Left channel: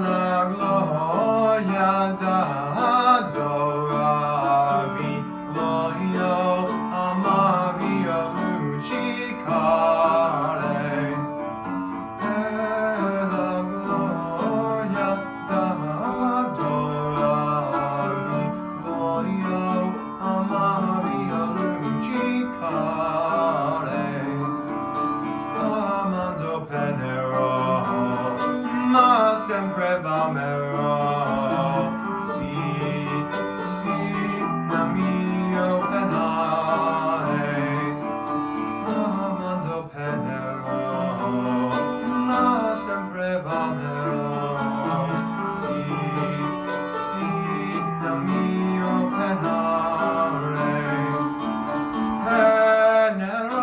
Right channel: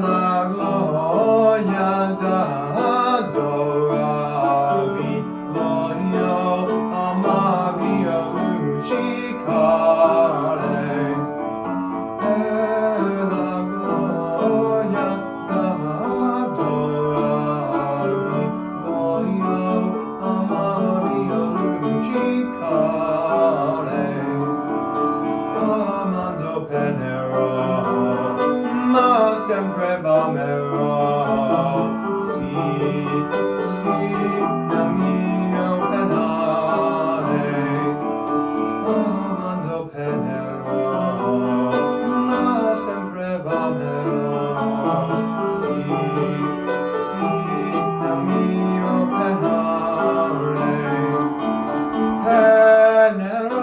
la gloria d'adoravi, voglio amarvi a luccicare. Per la gloria d'adoravi, voglio amarvi a luccicare. Amando penerò, ma sempre v'amerò. Sì, sì, nel mio penare. Amando penerò, ma sempre v'amerò. Sì, sì, nel mio penare. Penerò.